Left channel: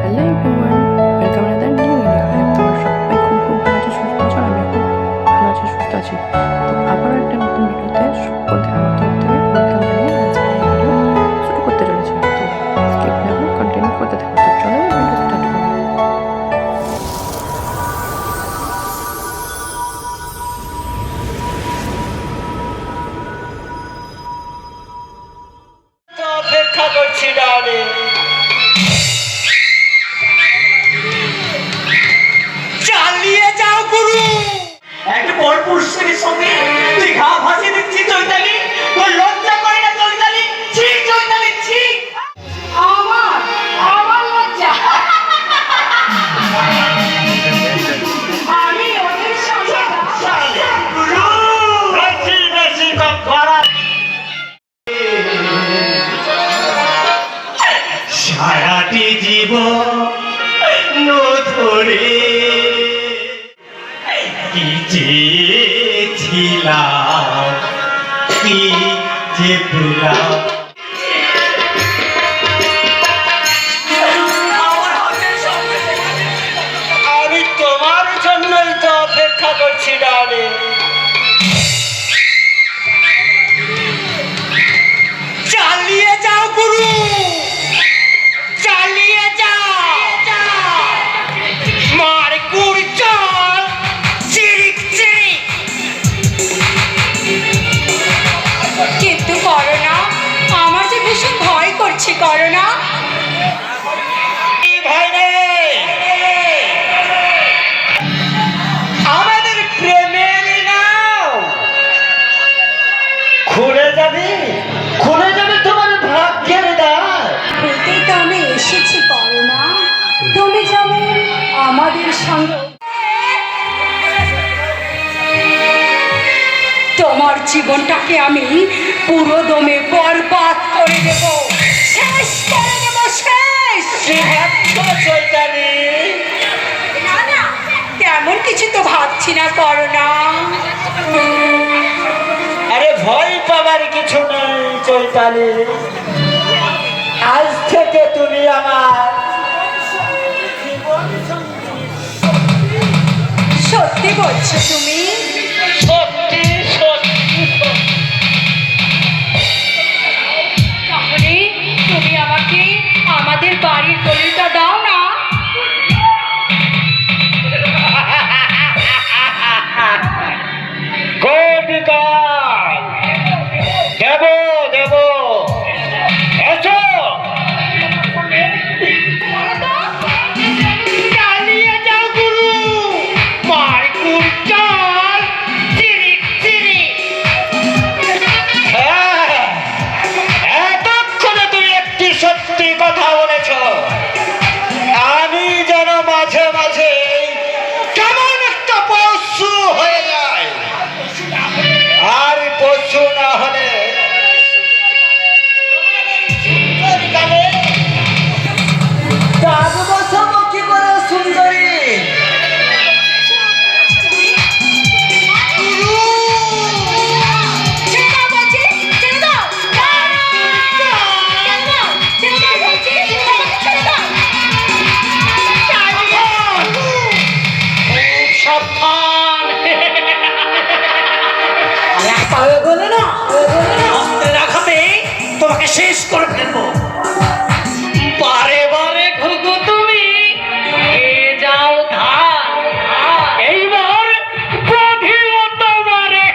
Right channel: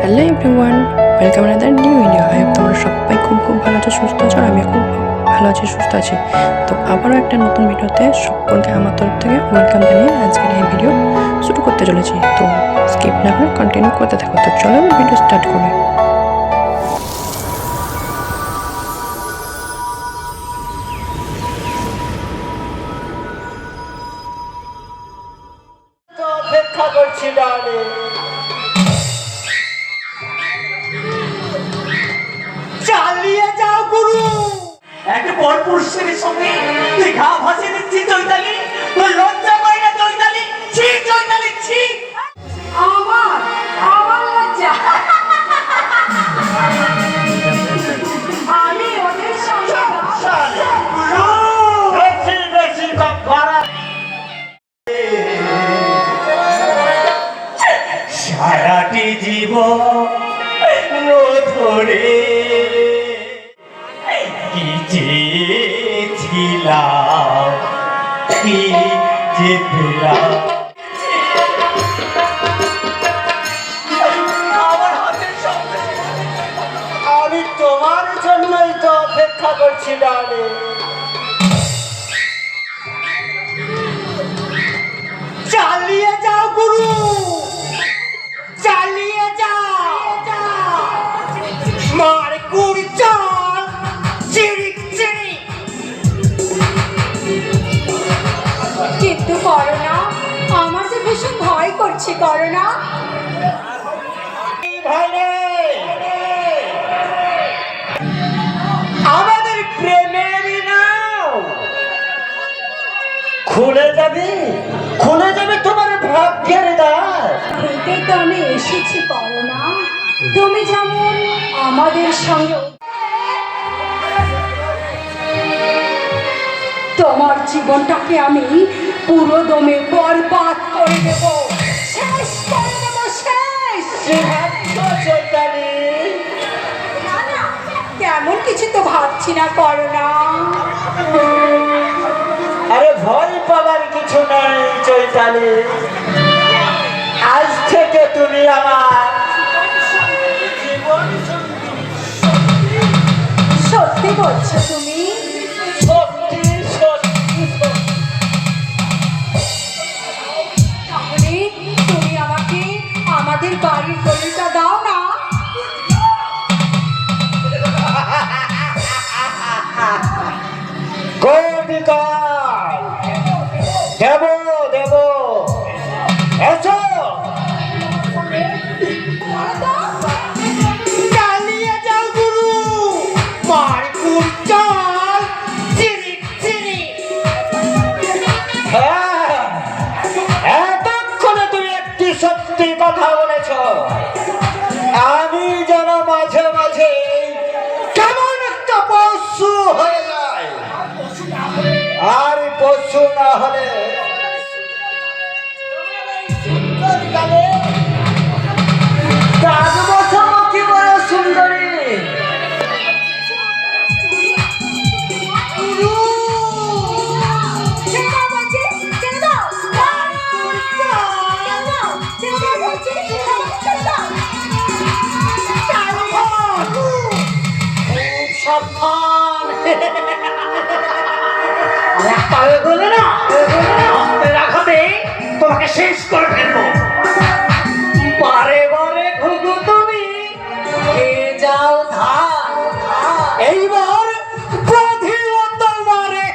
Hello everyone, welcome another new video. I hope তোমরা সবাই খুব ভালো আছো, সুস্থ আছো। আর আমি খুব ভালো আছি, সুস্থ আছি। তো আবারও একটা নতুন ভিডিওতে সকলকে আমার তরফ থেকে ওয়েলকাম জানিয়ে আজকের এই ভিডিও শুরু করতে চলেছি। তো স্কিপ না করে কন্টিনিউ করতে থাকো। তো চলো ভিডিও স্টার্ট করি। অপেক্ষা করছি ডালে চালিয়ে যাও গুরু। একটা পর পুরুষের সঙ্গে তুই ঘা ভাসিয়ে দিচ্ছি চৈতালি, তোর লজ্জা পায় না চৈতালি? ছি চৈতালি ছি। আমার লজ্জা। আমি ওদের সঙ্গে বেশি কথা সারাটি জীবন ধরে কি চেয়েছিলাম, কি যে পেলাম। আমি তোমার জন্যই তো অপেক্ষা করছি ডালে। চালিয়ে যাও গুরু, চালিয়ে যাও। মার গুড় চল চিরিক চিরিক। কিন্তু করো না, আমার যে ভীষণ ভয় করছে। করো না। ভয় নেই, আমাদের প্রেমের নাও খুলে যাবে, খুলে যাবে তোমার ভাগ্যের দ্বার। বলতেই তো আমি এসেছি। করো না, তুমি যেমন আমাদের সঙ্গে তোমার জীবনটাকে আমি পুরো দমে বরবাদ করে দেব, শেষ করে দেব, শেষ। চৈতালি না না, তেমন কিছু তো ভাবছি না। করো না। আরে ভয় পাবার কিছু নাই চৈতালি। আজ থেকে তুমি আমার জীবন সঙ্গিনী। সত্যি বলছো তুমি? সত্যি সত্যি। তাহলে তুমি আমাকে আমাদের বাড়ির গলিটা দাও না। গোপিকাল দেব দেব। আচ্ছা চালিয়ে যাও গুরু, মার গুড় চল চিরিক চিরিক। হ্যাঁ, এতক্ষণে তুমি একটি সত্যি কথা বলেছ। আমি যেন মাঝে মাঝে কেমন একটা পশু হয়ে যায়, আর পশু না হলে সুন্দরী। ছেড়ে দাও বলছি, ছেড়ে দাও। ছেড়ে দাও, ছেড়ে দাও বলছি, ছেড়ে দাও। সাবধান, রাস্তা হয়ে গেলে না, অস্ত্রের আঘাতে তোমাকে শেষ করে ফেলবো। বারে বারে ঘুঘু তুমি এ যাও ধার, এইবার বধিও তোমারে।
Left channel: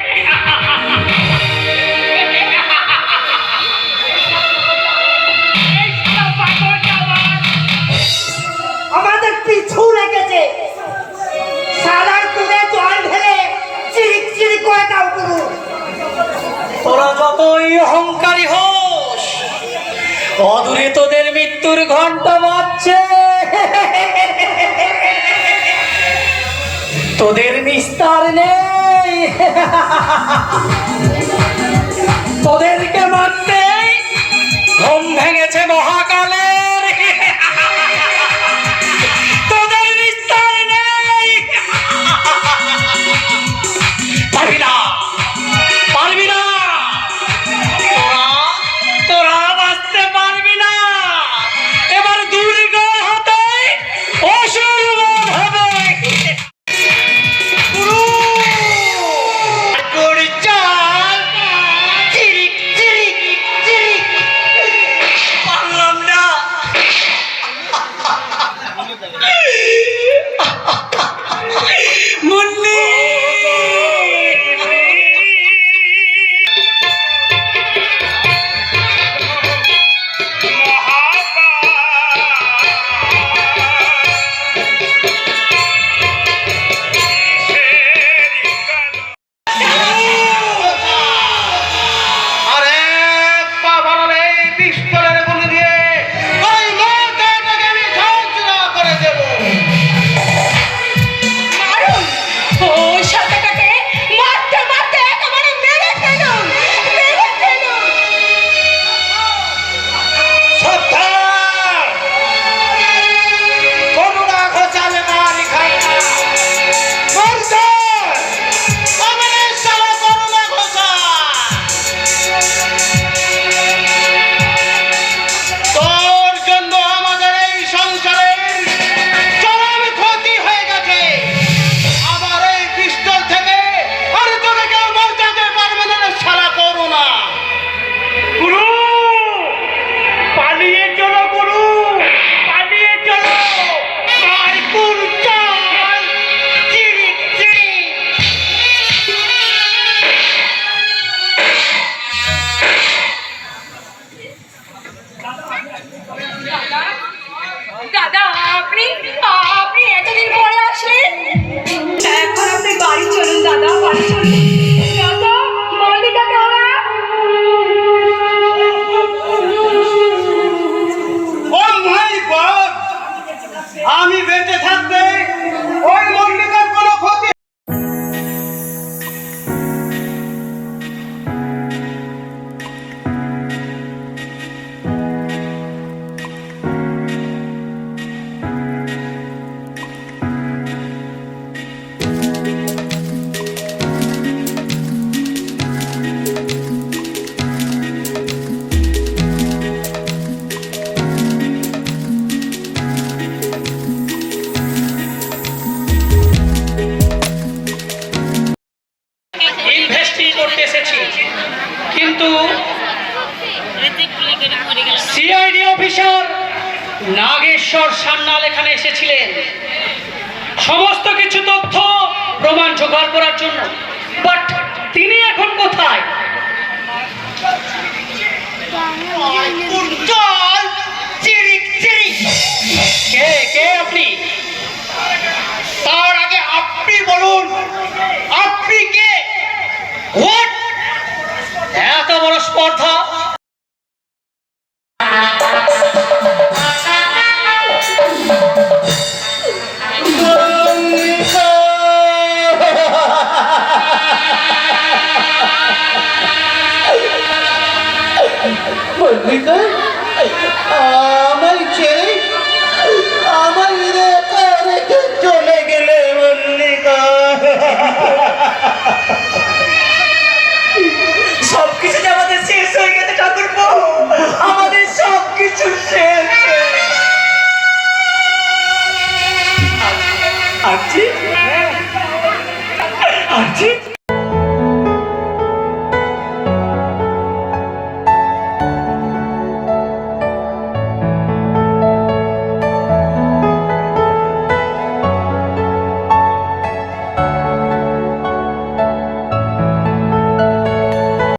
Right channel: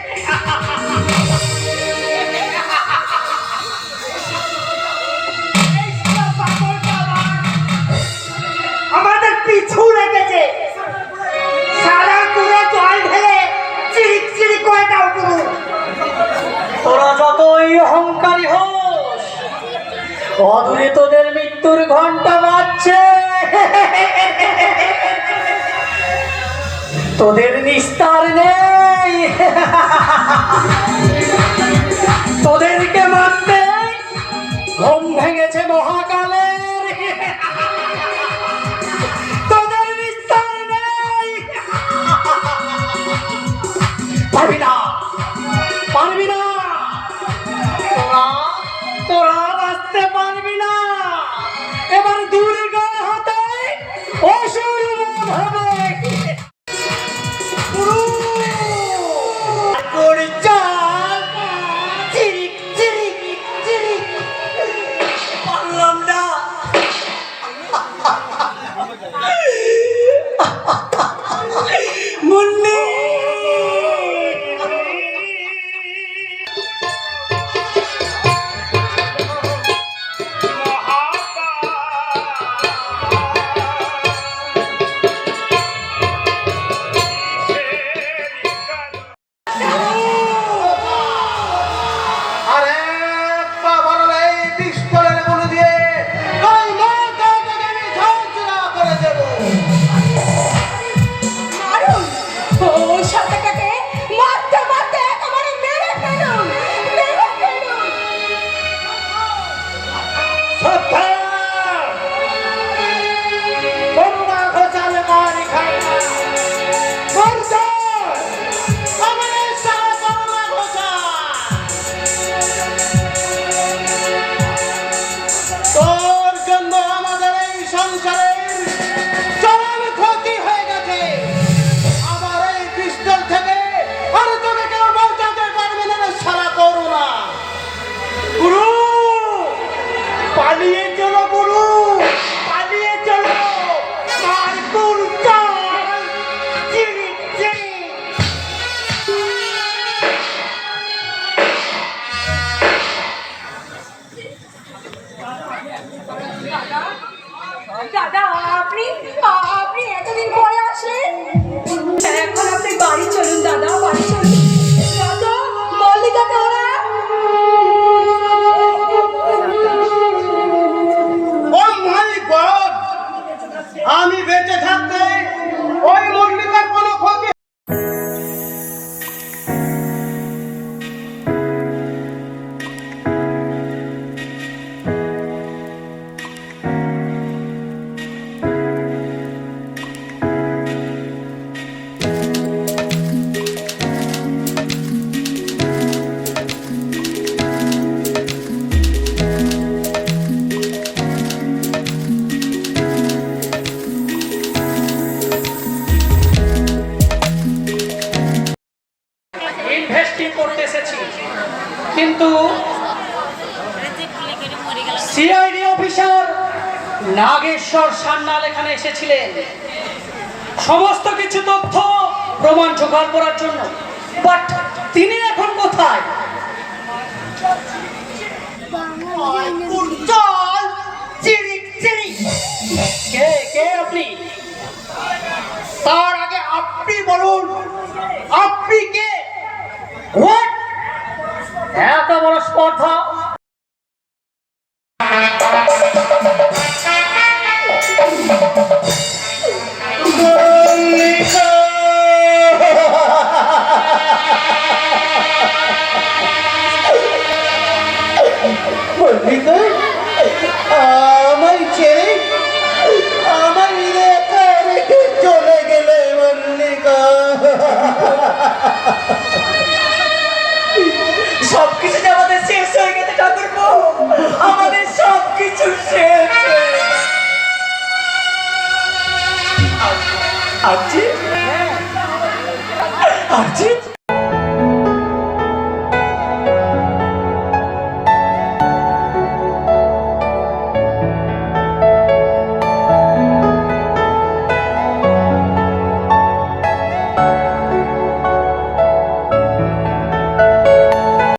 আমাদের পিছু লেগেছে। সারার কুড়ে জল ঢেলে চিরিক চিরিক করে দাও গুরু। তোরা যতই অহংকারী হোস, অদূরে তোদের মৃত্যুর ঘন্টা বাজছে। তোদের নিস্তার নেই, তোদেরকে মারতে ঘুম ভেঙেছে মহাকালের। তোদের নিস্তার নেই, পারবি না, পারবি না। তোরা বাঁচতে পারবি না। এবার দুর্গা হতে আপনি আপনি এতদিন পরে আসলেন? এখন আপনি বাড়ি চলুন দাদা, বাড়ি চলুন। দাদা, মল্লিকাকে ওরা ও মাই গড, আমি বেঁচে থাকতে ওই মল্লিকার কোনো ক্ষতি। ইনভেস্টিং করতে এসেছি, কিন্তু সিআইডি অফিসার নাগেশ্বর সান্যাল এখানে এসেছিলেন সমস্ত কিছু তথ্য প্রমাণ জোগাড় করার জন্য। বাট তিনি এখন কোথায়? উত্তর চিরিক চিরিক। কে কে আপনি? তার আগে আপনি বলুন, আপনি কে? হোয়াট? এত বড় স্পর্ধা! মল্লিকা, আমায় ছেড়ে আমায় একা রেখে চলে গেলে মল্লিকা। সবকিছু যে আমাদের শেষ হয়ে গেছে ঠাকুরপো, আমাদের সবকিছু শেষ। আরজি, আরজি,